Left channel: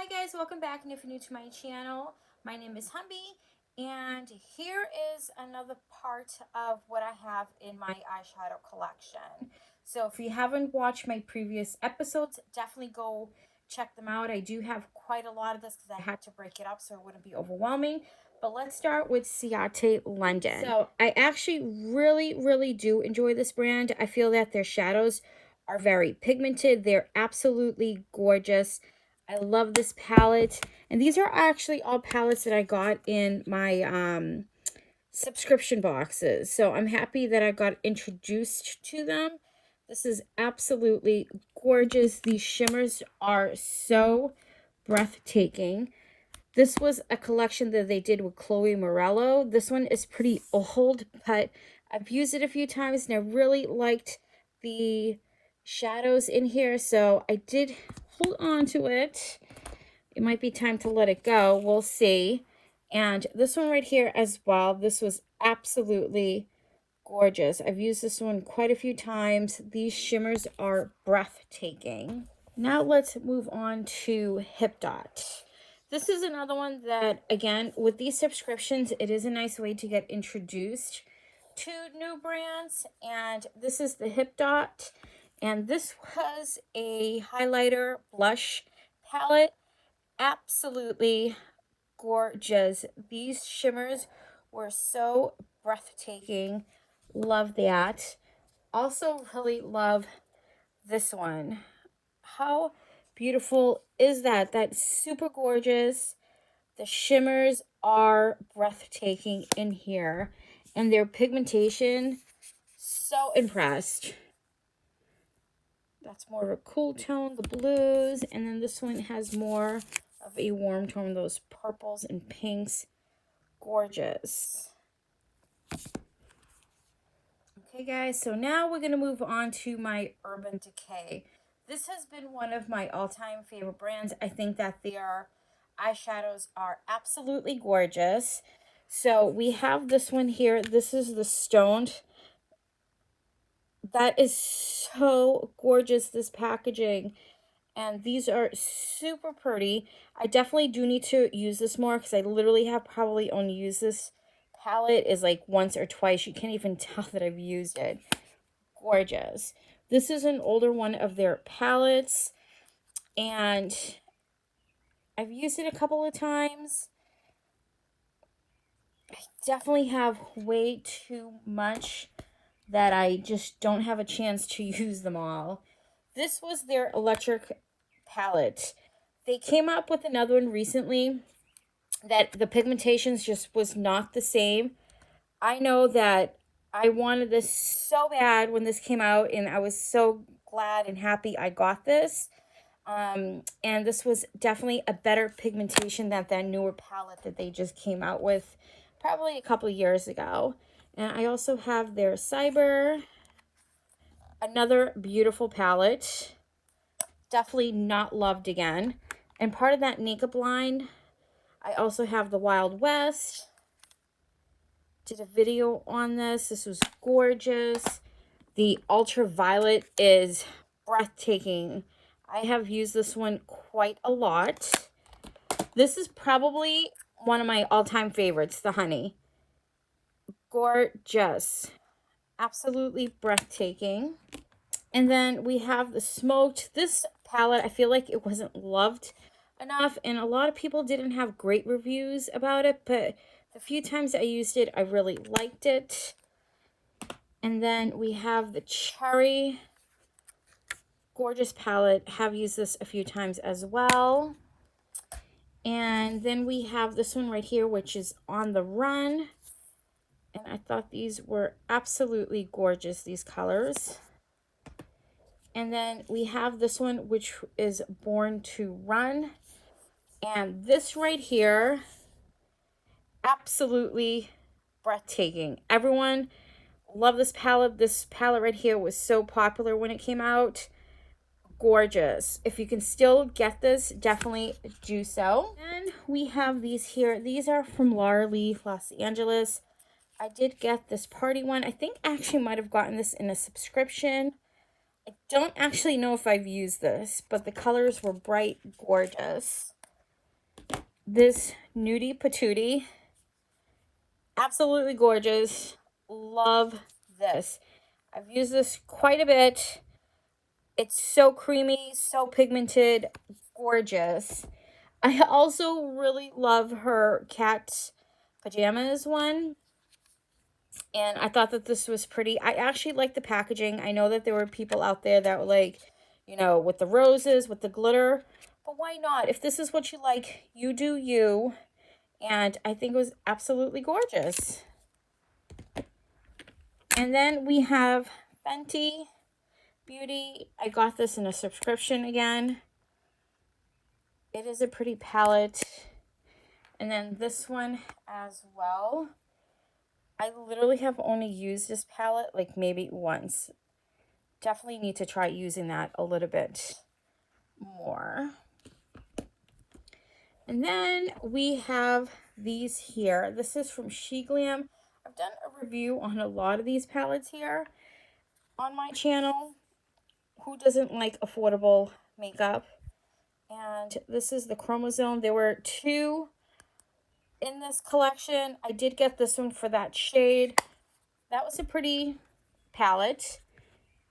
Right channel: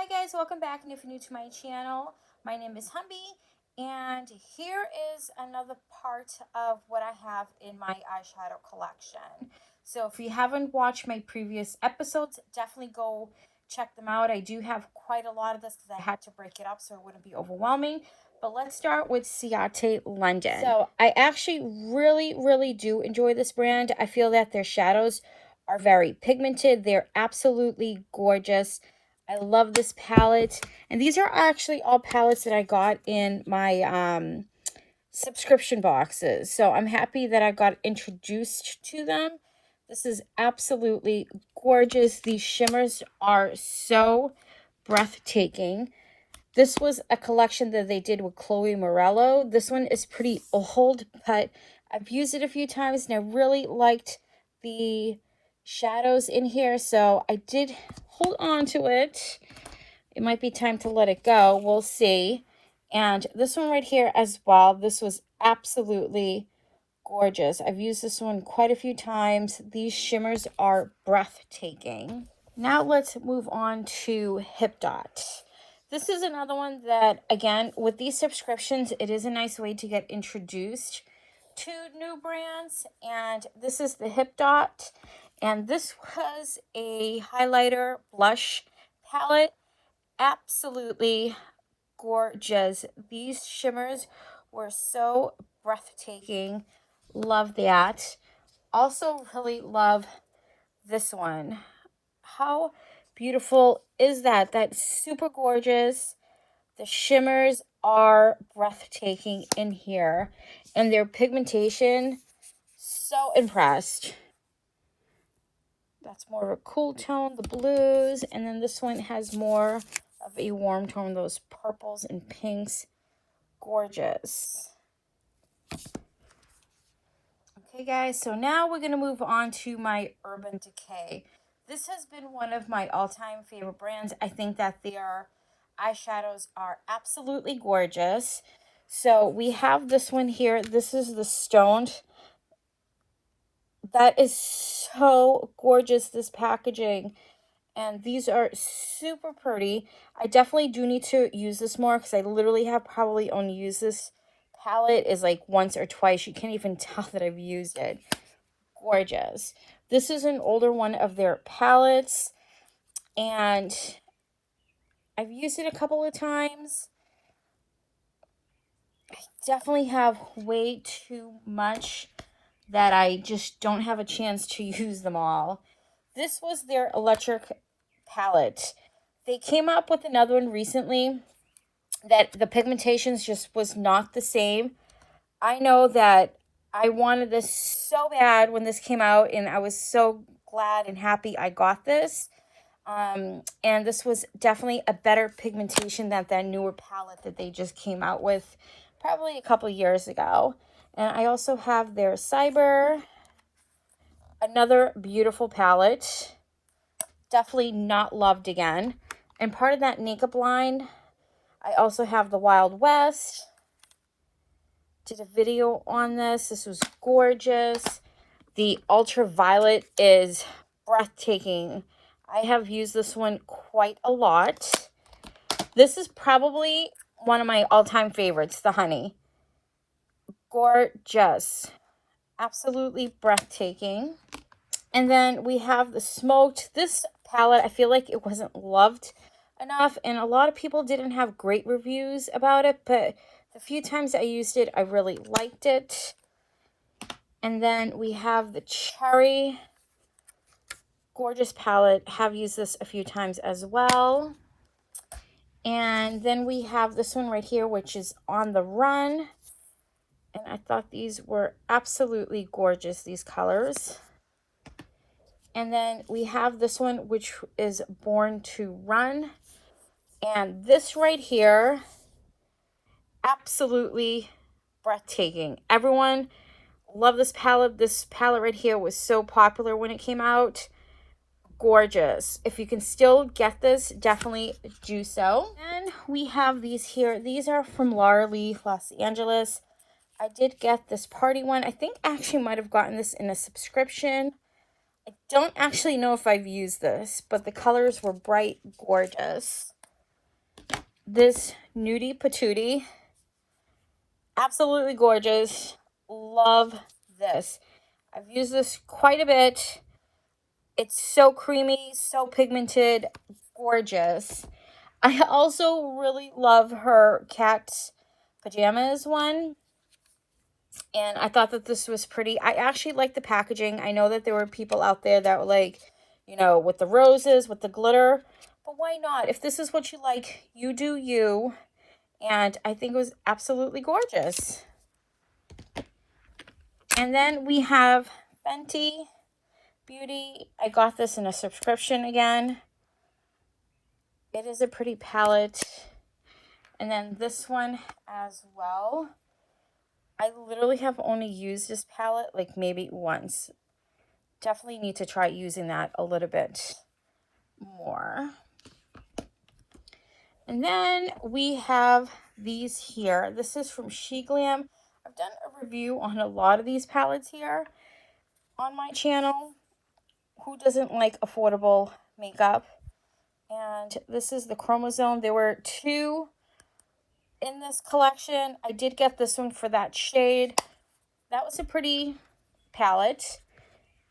Hi guys, welcome back, and if you're new to my channel, my name is Humbie, and here is another part of what I have in my eyeshadow collection. So if you haven't watched my previous episodes, definitely go check them out. I do have quite a lot of this because I had to break it up so it wouldn't be overwhelming. But let's start with Ciate London. So I actually really do enjoy this brand. I feel that their shadows are very pigmented. They're absolutely gorgeous. I love this palette, and these are actually all palettes that I got in my subscription boxes, so I'm happy that I got introduced to them. This is absolutely gorgeous. These shimmers are so breathtaking. This was a collection that they did with Chloe Morello. This one is pretty old, but I've used it a few times, and I really liked the shadows in here, so I did hold on to it. It might be time to let it go. We'll see. And this one right here as well. This was absolutely gorgeous. I've used this one quite a few times. These shimmers are breathtaking. Now let's move on to Hip Dot. This is another one that, again, with these subscriptions, it is a nice way to get introduced to new brands. And this is the Hip Dot. And this was a highlighter blush palette. Absolutely gorgeous. These shimmers were so breathtaking. Love that. Also really love this one. How beautiful is that? That's super gorgeous. The shimmers are breathtaking in here. And their pigmentation, so impressed. That's more of a cool tone, the blues. And then this one has more of a warm tone, those purples and pinks. Gorgeous. Okay, guys, so now we're going to move on to my Urban Decay. This has been one of my all-time favorite brands. I think that their eyeshadows are absolutely gorgeous. So we have this one here. This is the Stoned. That is so gorgeous, this packaging. And these are super pretty. I definitely do need to use this more because I literally have probably only used this palette is like once or twice. You can't even tell that I've used it. Gorgeous. This is an older one of their palettes, and I've used it a couple of times. I definitely have way too much that I just don't have a chance to use them all. This was their electric palette. They came up with another one recently that the pigmentations just was not the same. I know that I wanted this so bad when this came out, and I was so glad and happy I got this. And this was definitely a better pigmentation than that newer palette that they just came out with probably a couple years ago. And I also have their Cyber, another beautiful palette. Definitely not loved again. And part of that makeup line, I also have the Wild West. Did a video on this. This was gorgeous. The Ultraviolet is breathtaking. I have used this one quite a lot. This is probably one of my all-time favorites, the Honey. Gorgeous. Absolutely breathtaking. And then we have the Smoked. This palette, I feel like it wasn't loved enough, and a lot of people didn't have great reviews about it, but the few times I used it, I really liked it. And then we have the Cherry. Gorgeous palette. Have used this a few times as well. And then we have this one right here, which is On the Run. And I thought these were absolutely gorgeous, these colors. And then we have this one, which is Born to Run. And this right here, absolutely breathtaking. Everyone loved this palette. This palette right here was so popular when it came out. Gorgeous. If you can still get this, definitely do so. And we have these here. These are from Laura Lee, Los Angeles. I did get this party one. I think I actually might have gotten this in a subscription. I don't actually know if I've used this, but the colors were bright, gorgeous. this Nudie Patootie. Absolutely gorgeous. Love this. I've used this quite a bit. It's so creamy, so pigmented, gorgeous. I also really love her cat's pajamas one. And I thought that this was pretty. I actually like the packaging. I know that there were people out there that were like, you know, with the roses, with the glitter. But why not? If this is what you like, you do you. And I think it was absolutely gorgeous. And then we have Fenty Beauty. I got this in a subscription again. It is a pretty palette. And then this one as well. I literally have only used this palette like maybe once. Definitely need to try using that a little bit more. And then we have these here. This is from Glam. I've done a review on a lot of these palettes here on my channel. Who doesn't like affordable makeup? And this is the Chromosome. There were 2 in this collection. I did get this one for that shade. That was a pretty palette.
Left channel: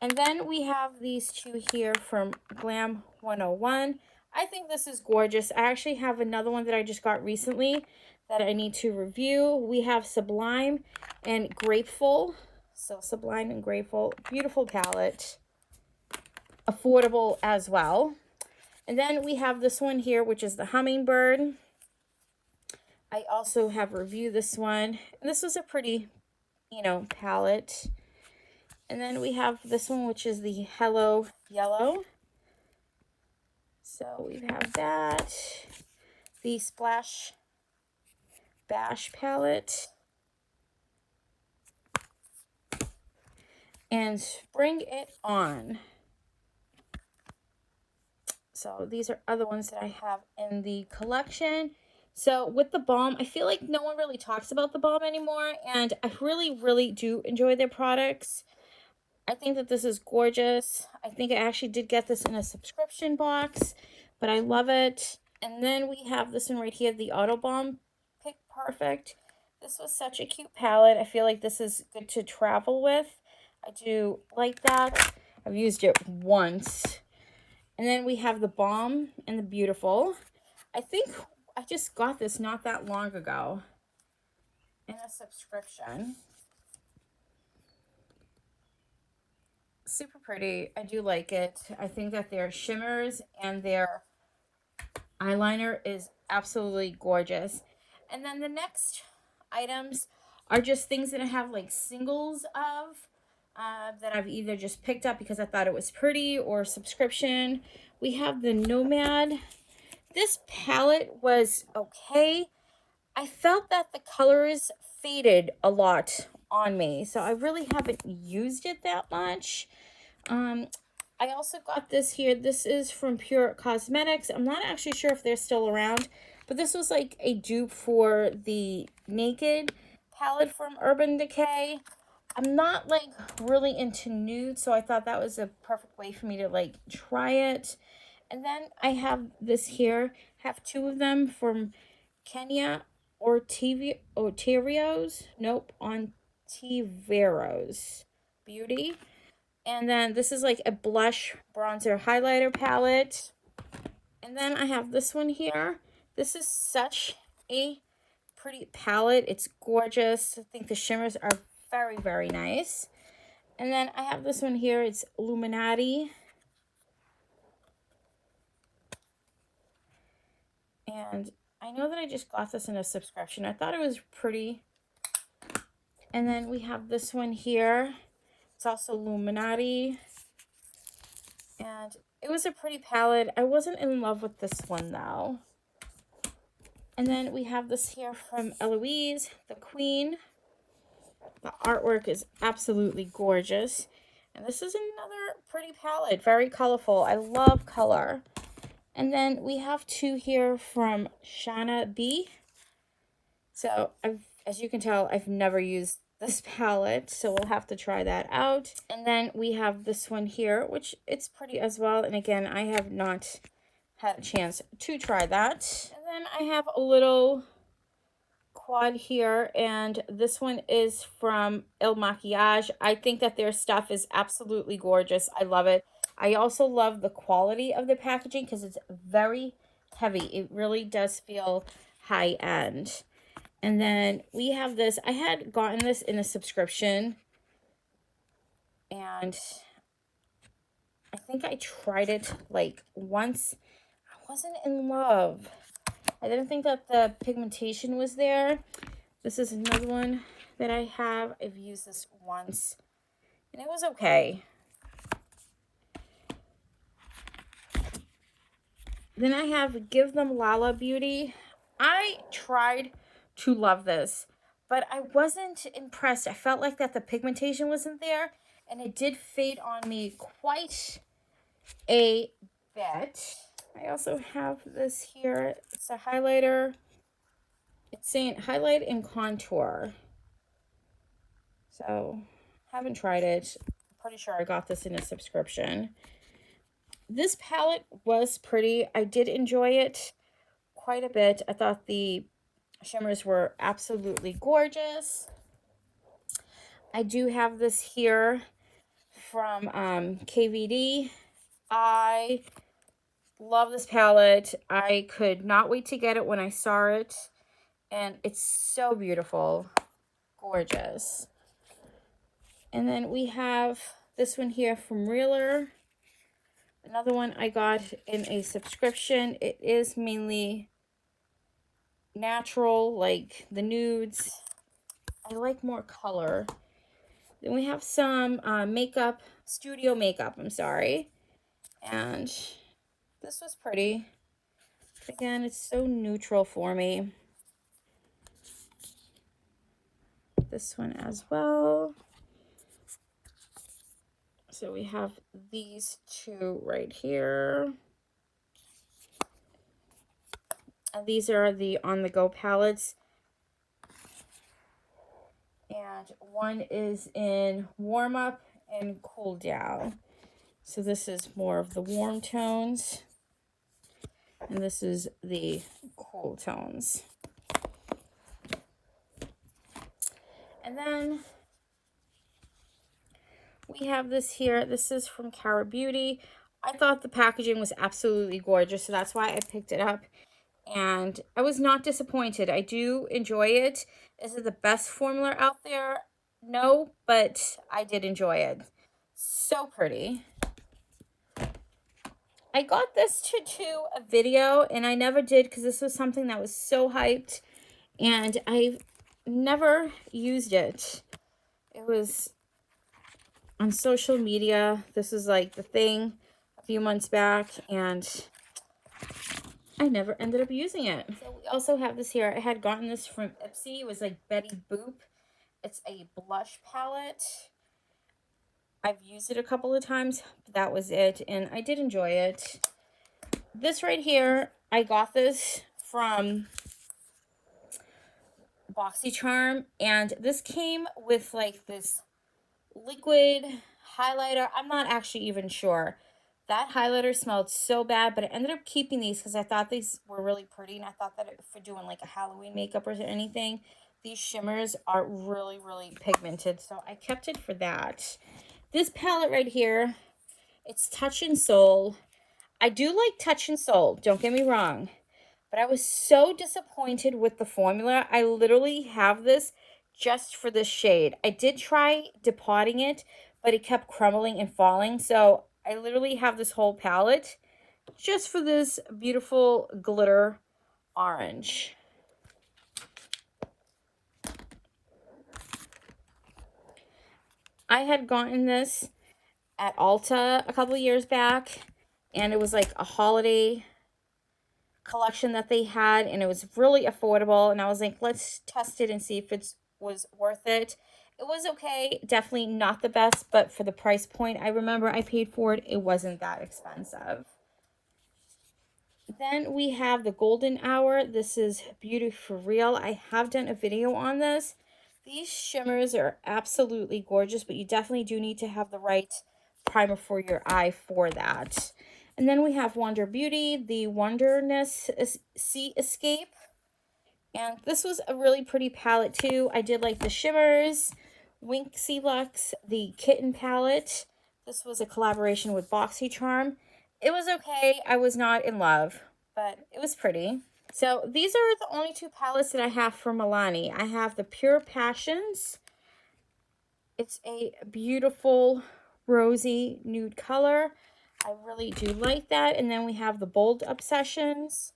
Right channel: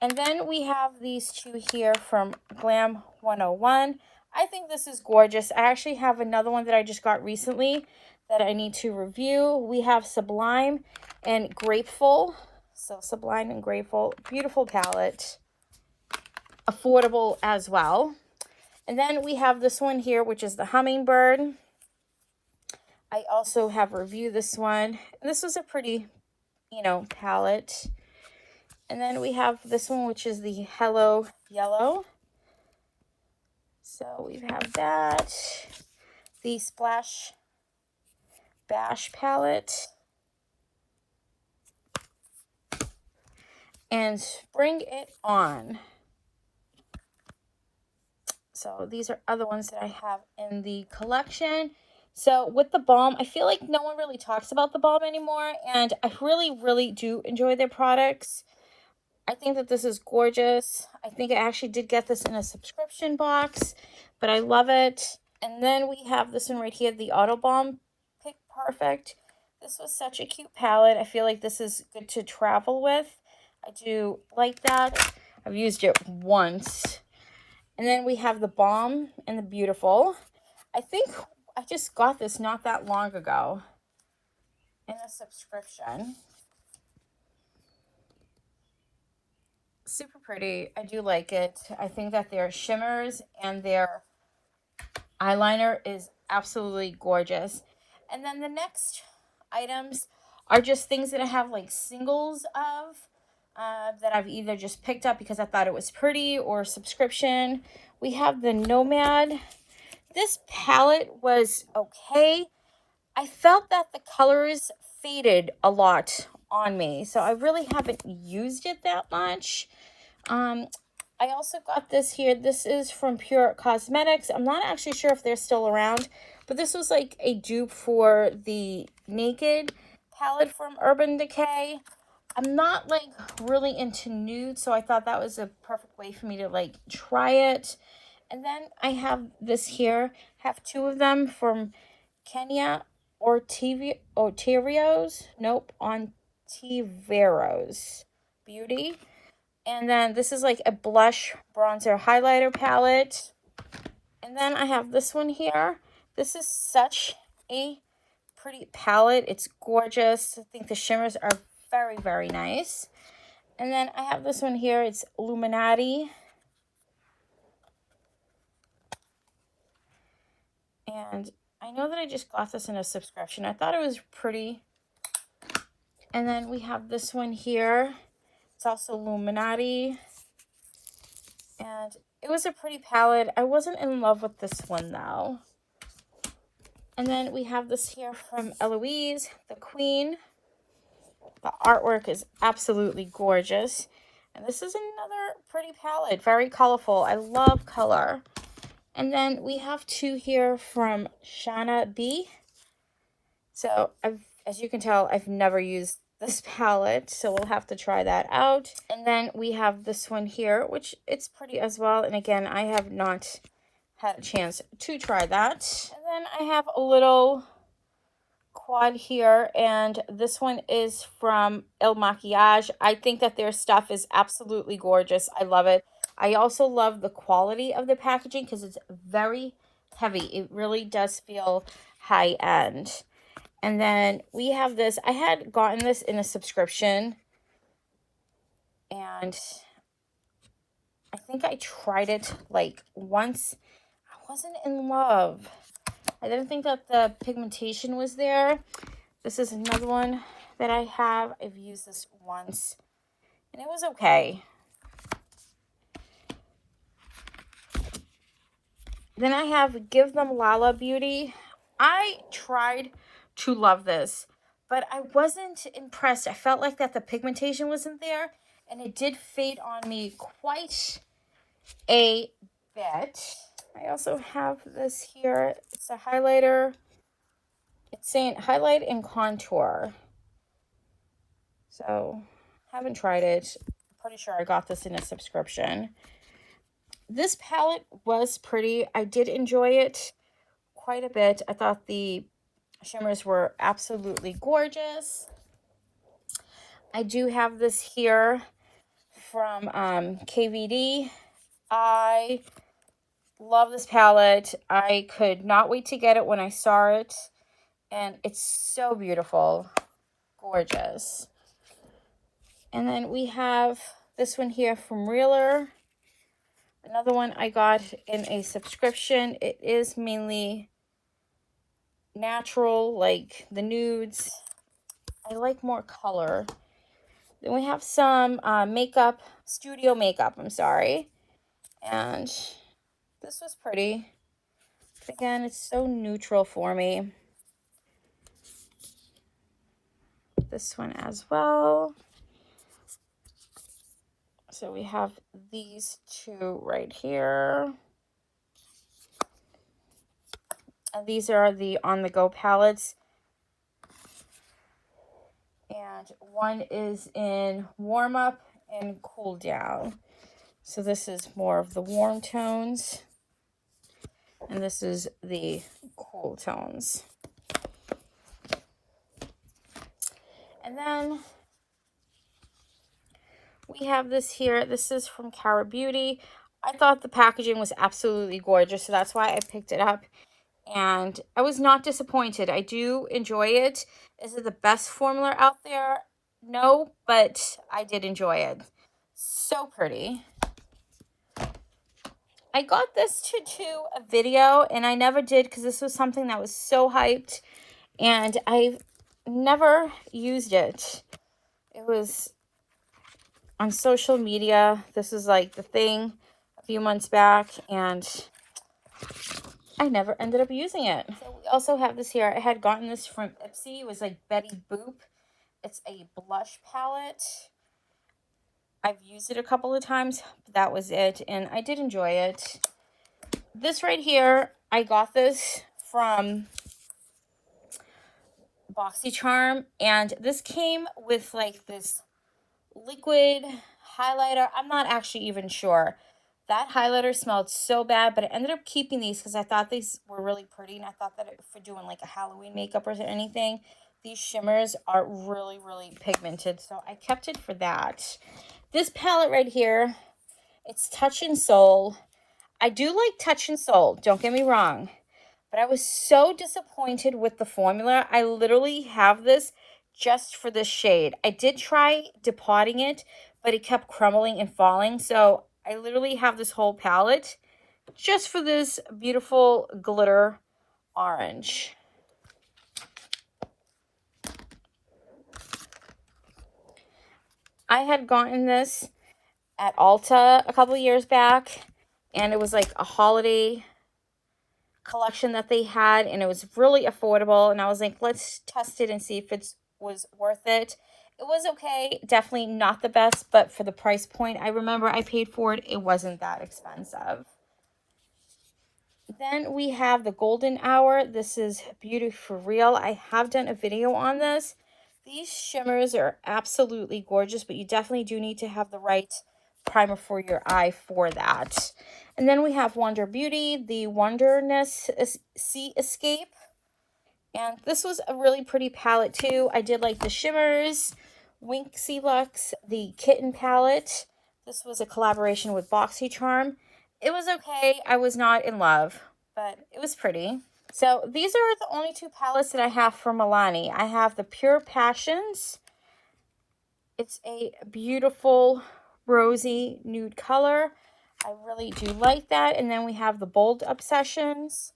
And then we have these 2 here from Glam 101. I think this is gorgeous. I actually have another one that I just got recently that I need to review. We have Sublime and Grateful. So Sublime and Grateful, beautiful palette. Affordable as well. And then we have this one here, which is the Hummingbird. I also have reviewed this one. And this was a pretty, you know, palette. And then we have this one, which is the Hello Yellow. So we have that. The Splash Bash palette. And Bring It On. So these are other ones that I have in the collection. So with the balm, I feel like no one really talks about the balm anymore. And I really, really do enjoy their products. I think that this is gorgeous. I think I actually did get this in a subscription box, but I love it. And then we have this one right here, the Auto Balm Pick Perfect. This was such a cute palette. I feel like this is good to travel with. I do like that. I've used it once. And then we have the Balm and the Beautiful. I think I just got this not that long ago in a subscription. Super pretty. I do like it. I think that their shimmers and their eyeliner is absolutely gorgeous. And then the next items are just things that I have like singles of that I've either just picked up because I thought it was pretty or subscription. We have the Nomad. This palette was okay. I felt that the colors faded a lot on me, so I really haven't used it that much. I also got this here. This is from Pure Cosmetics. I'm not actually sure if they're still around, but this was like a dupe for the Naked palette from Urban Decay. I'm not like really into nude, so I thought that was a perfect way for me to like try it. And then I have this here. I have 2 of them from Kenya Ontivier's. Nope, Ontivier's Beauty. And then this is like a blush bronzer highlighter palette. And then I have this one here. This is such a pretty palette. It's gorgeous. I think the shimmers are very, very nice. And then I have this one here. It's Illuminati. And I know that I just got this in a subscription. I thought it was pretty. And then we have this one here. It's also Illuminati. And it was a pretty palette. I wasn't in love with this one though. And then we have this here from Eloise the Queen. The artwork is absolutely gorgeous. And this is another pretty palette. Very colorful. I love color. And then we have 2 here from Shana B. So as you can tell, I've never used this palette, so we'll have to try that out. And then we have this one here, which it's pretty as well. And again, I have not had a chance to try that. And then I have a little quad here, and this one is from El Maquillage. I think that their stuff is absolutely gorgeous. I love it. I also love the quality of the packaging because it's very heavy. It really does feel high end. And then we have this. I had gotten this in a subscription, and I think I tried it like once. I wasn't in love. I didn't think that the pigmentation was there. This is another one that I have. I've used this once, and it was okay. Then I have Give Them Lala Beauty. I tried to love this, but I wasn't impressed. I felt like that the pigmentation wasn't there, and it did fade on me quite a bit. I also have this here. It's a highlighter. It's saying highlight and contour. So, haven't tried it. I'm pretty sure I got this in a subscription. This palette was pretty. I did enjoy it quite a bit. I thought the shimmers were absolutely gorgeous. I do have this here from KVD. I love this palette. I could not wait to get it when I saw it. And it's so beautiful. Gorgeous. And then we have this one here from Reeler. Another one I got in a subscription. It is mainly natural, like the nudes. I like more color. Then we have some makeup, studio makeup, I'm sorry. And this was pretty. Again, it's so neutral for me. This one as well. So we have these two right here. And these are the on-the-go palettes. And one is in warm up and cool down. So this is more of the warm tones. And this is the cool tones. And then we have this here. This is from Cara Beauty. I thought the packaging was absolutely gorgeous, so that's why I picked it up. And I was not disappointed. I do enjoy it. Is it the best formula out there? No, but I did enjoy it. So pretty. I got this to do a video, and I never did because this was something that was so hyped, and I've never used it. It was on social media. This is like the thing a few months back, and I never ended up using it. So we also have this here. I had gotten this from Ipsy. It was like Betty Boop. It's a blush palette. I've used it a couple of times, but that was it, and I did enjoy it. This right here, I got this from BoxyCharm, and this came with like this liquid highlighter. I'm not actually even sure. That highlighter smelled so bad, but I ended up keeping these because I thought these were really pretty, and I thought that for doing like a Halloween makeup or anything, these shimmers are really, really pigmented, so I kept it for that. This palette right here, it's Touch and Soul. I do like Touch and Soul, don't get me wrong, but I was so disappointed with the formula. I literally have this just for this shade. I did try depotting it, but it kept crumbling and falling, so I literally have this whole palette just for this beautiful glitter orange. I had gotten this at Ulta a couple of years back, and it was like a holiday collection that they had, and it was really affordable, and I was like, let's test it and see if it was worth it. It was okay, definitely not the best, but for the price point I remember I paid for it, it wasn't that expensive. Then we have the Golden Hour. This is Beauty for Real. I have done a video on this. These shimmers are absolutely gorgeous, but you definitely do need to have the right primer for your eye for that. And then we have Wonder Beauty, the Wonderness Sea Escape. And this was a really pretty palette too. I did like the shimmers. Winxie Lux, the Kitten palette. This was a collaboration with BoxyCharm. It was okay. I was not in love, but it was pretty. So these are the only two palettes that I have from Milani. I have the Pure Passions. It's a beautiful rosy nude color. I really do like that. And then we have the Bold Obsessions.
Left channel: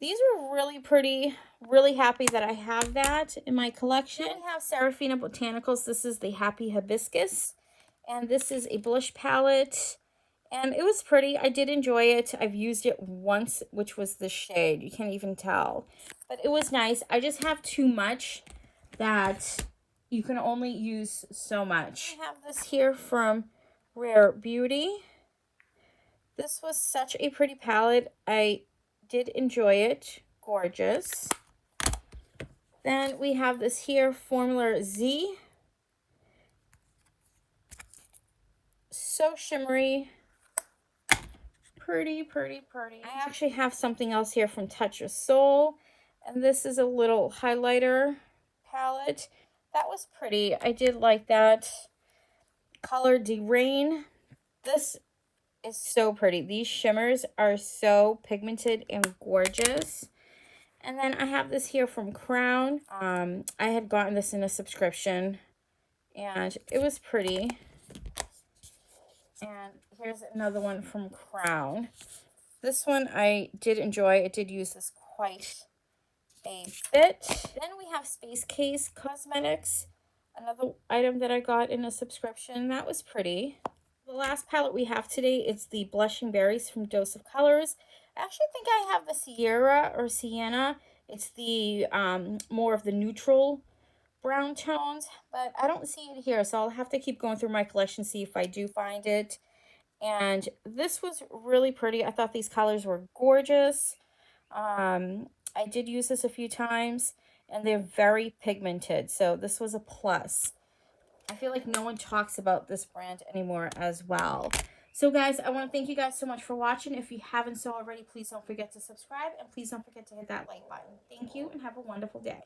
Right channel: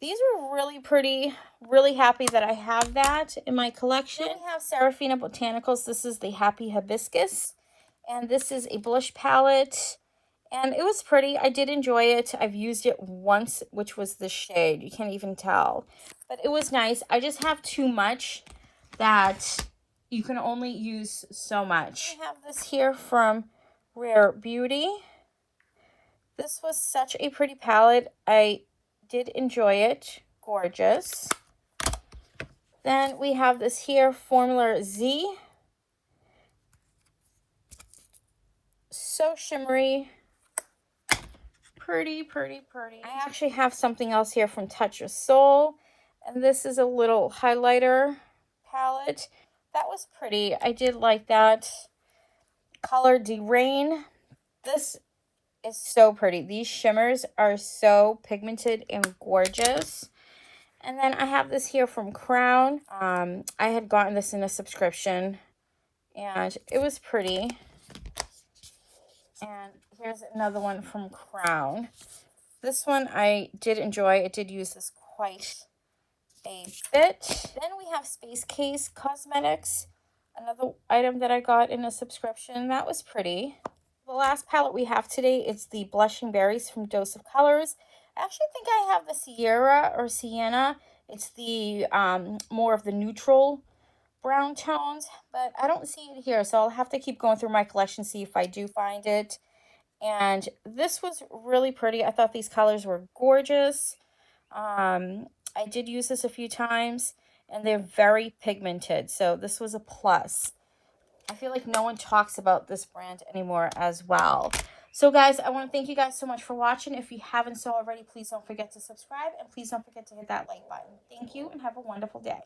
These were really pretty. Really happy that I have that in my collection. I have Seraphina Botanicals. This is the Happy Hibiscus. And this is a blush palette. And it was pretty. I did enjoy it. I've used it once, which was the shade. You can't even tell. But it was nice. I just have too much that you can only use so much. I have this here from Rare Beauty. This was such a pretty palette. I did enjoy it. Gorgeous. Then we have this here, Formula Z. So shimmery. Pretty, pretty, pretty. I actually have something else here from Touch of Soul. And this is a little highlighter palette. That was pretty. I did like that. Color De Rain. This is so pretty. These shimmers are so pigmented and gorgeous. And then I have this here from Crown. I had gotten this in a subscription and it was pretty. And here's another one from Crown. This one I did enjoy. I did use this quite a bit. Then we have Space Case Cosmetics. Another item that I got in a subscription. That was pretty. The last palette we have today is the Blushing Berries from Dose of Colors. I actually think I have the Sierra or Sienna. It's the more of the neutral brown tones, but I don't see it here, so I'll have to keep going through my collection, see if I do find it. And this was really pretty. I thought these colors were gorgeous. I did use this a few times, and they're very pigmented, so this was a plus. I feel like no one talks about this brand anymore as well. So guys, I want to thank you guys so much for watching. If you haven't so already, please don't forget to subscribe, and please don't forget to hit that like button. Thank you, and have a wonderful day.